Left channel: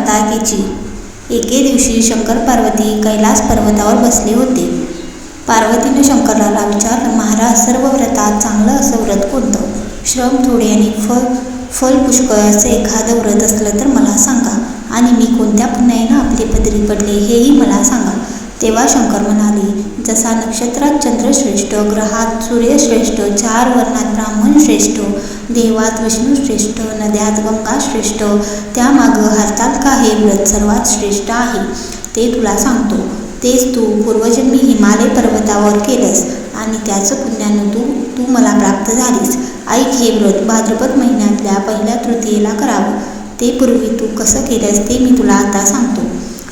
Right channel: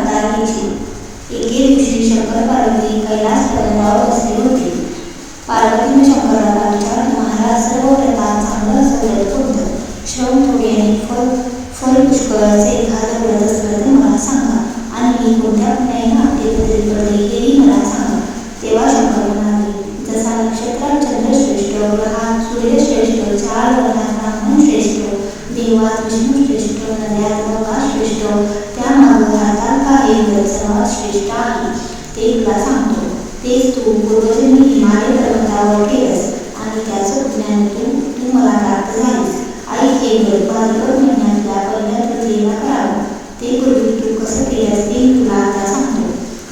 वार्ताकीची एके दिवशी शंकर पार्वती कैलास पर्वतावर बसले होते. पार्वतीने शंकराला विचारलं महाराज सर्व व्रतात चांगलं असं व्रत कोणतं? श्रम थोडे आणि फल फल पुष्कळ असं एखादं व्रत असलं तर मला सांगा. आणि मी कोणत्या पुण्याईनं आपली पदरी पडले हेही मला सांगा. तेव्हा शंकर म्हणाले जसा नक्षत्रात चंद्र श्रेष्ठ ग्रहात सूर्यश्रेष्ठ चार वर्णात ब्राह्मण श्रेष्ठ देवात विष्णू श्रेष्ठ नद्यात गंगा श्रेष्ठ त्यामागं हरताल हे व्रत सर्वात श्रेष्ठ आहे. ते तुला सांगतो. तेच तू पूर्वजन्मी हिमालय पर्वतावर केलंस आणि त्याचं पुण्यानं तू तू मला प्राप्त झालीस. ऐक हे व्रत भाद्रपद महिन्यातल्या पहिल्या तृतीयेला करावं. ते पूर्वी तू कसं केलंस ते मी तुला आता सांगतो.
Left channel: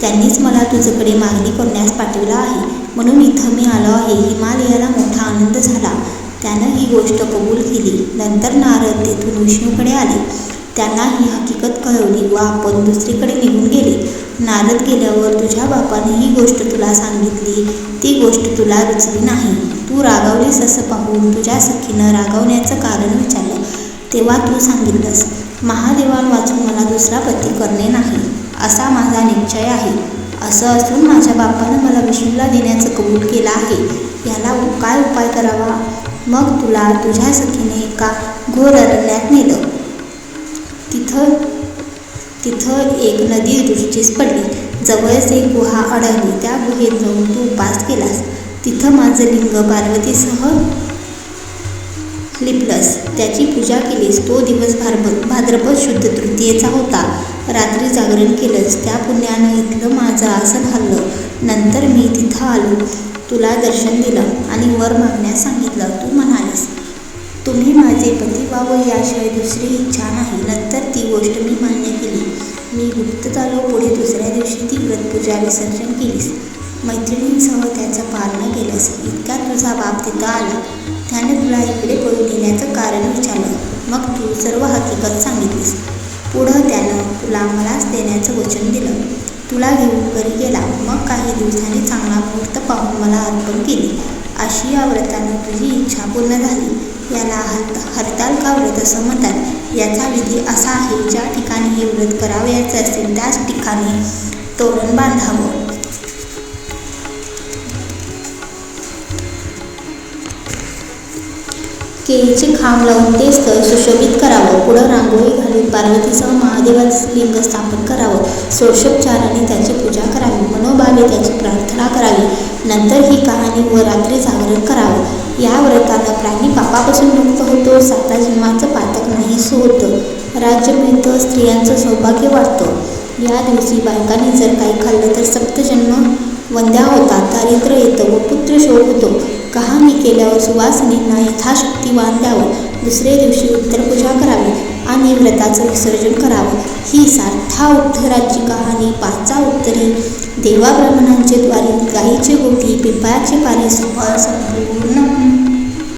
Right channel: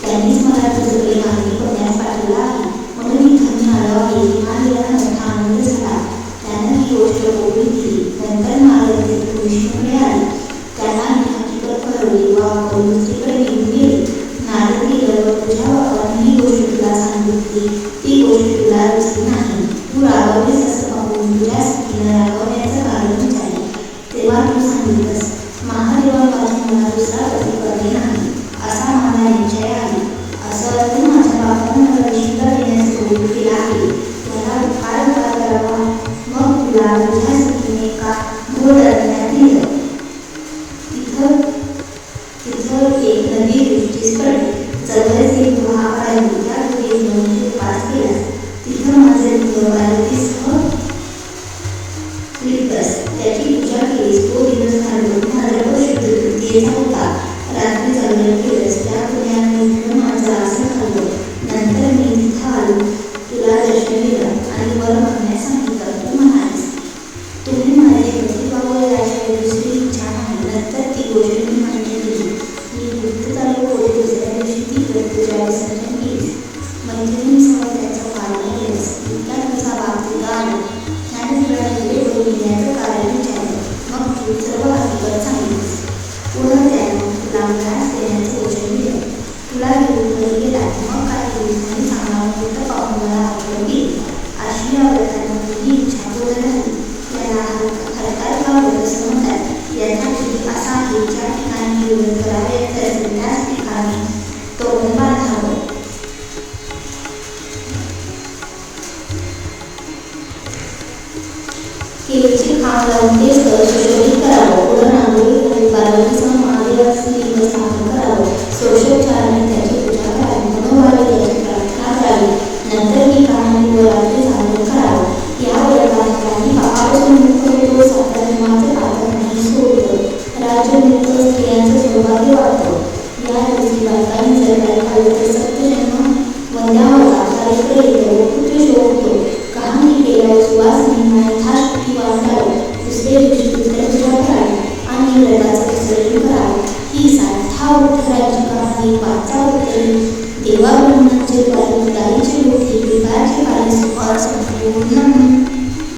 त्यांनीच मला तुझ्याकडे मागणी करण्यास पाठवलं आहे. म्हणून इथं मी आलो आहे. हिमालयाला मोठा आनंद झाला. त्यानं ही गोष्ट कबूल केली. नंतर नारद तेथून विष्णूकडे आले. त्यांना ही हकीकत कळवली व आपण दुसरीकडे निघून गेले. नारद गेल्यावर तुझ्या बापाने ही गोष्ट तुला सांगितली. ती गोष्ट तुला रुचली नाही. तू रागावलीस असं पाहून तुझ्या सखीनं रागवण्याचं कारण विचारलं. तेव्हा तू सांगितलंस महादेवांवाचून मला दुसरा पती करणे नाही. असा माझा निश्चय आहे. असं असून माझ्या बापानं मला विष्णूला देण्याचं कबूल केलं आहे. याला उपाय उपाय करावा. मग तुला तुझ्या सखीने एका घोर अरण्यात नेलं. तिथं तिथं एक नदी दृष्टीस पडली. जवळच एक गुहा अडवली त्या गुहेत जाऊन तू उपास केलास. तिथं माझं लिंग पार्वतीसह लिपलस. त्याची पूजा केलीस. तो दिवस भार भाद्रपद शुद्ध तृतीयेचा होता. रात्री जागरण केलंस त्या पुण्यानं इथलं माझं आसन हल्लं नंतर मी तिथं आलो. तुला दर्शन दिलं आणि वर मागण्यास सांगितलं. तू म्हणालीस तुम्ही माझे पती व्हावं याशिवाय दुसरी इच्छा नाही. नंतर ती गोष्ट मी मान्य केली. मी गुप्ततारे पुढे दुसऱ्या दिवशी ती व्रतपूजा विसर्जन केलीस. मैत्रिणींसह त्याचा पालन केलंस. इतक्या तुझा बाप तिथं आला. त्याने तुला इकडे पळून घेण्याचं कारण तू सर्व हकीकत सांगितलीस. पुढं त्यानं तुला मलाच देण्याचं वचन दिलं. तुला घेऊन घरी गेला. मग काही दिवसांनी चांगला मुहूर्त पाहून मला अर्पण केली. अशी या व्रतानं तुझी इच्छा पूर्ण झाली. याला हरताल का व्रत असं म्हणतात? याचा विधी असा आहे ज्या ठिकाणी हे व्रत करावयाचं असेल त्याच ठिकाणी तोरण बांधावं. केळीचे खांब लावून ते स्थळ सुशोभित करावं. पुढं रांगोळी घालून पार्वतीसह महादेवाचं लिंग स्थापन करावं. षोडशोपचाराने त्याची पूजा करावी. मनोभावे त्याची प्रार्थना करावी. नंतर ही कहाणी व रात्री जागरण करावं. या व्रताला प्राणी पापापासून मुक्त होतो. साता जीवाचं पातक नाहीसं होतं राज्य मिळतं स्त्रियांचं सौभाग्य वाढतं या दिवशी बायकांनी जर काही खाल्लं तर सप्तजन्म वंद्या होता दारिद्र्य येतं व पुत्रशोक होतो केल्यावर केल्यावर यथाशक्ती वाण द्यावं दुसरे दिवशी उत्तरपूजा करावी आणि व्रताचं विसर्जन करावं. ही साठा उत्तराची कहाणी पाचा उत्तरी देवा द्वारे गाईचे गोठी पिंपळाचे कार्य सुफळ संपूर्ण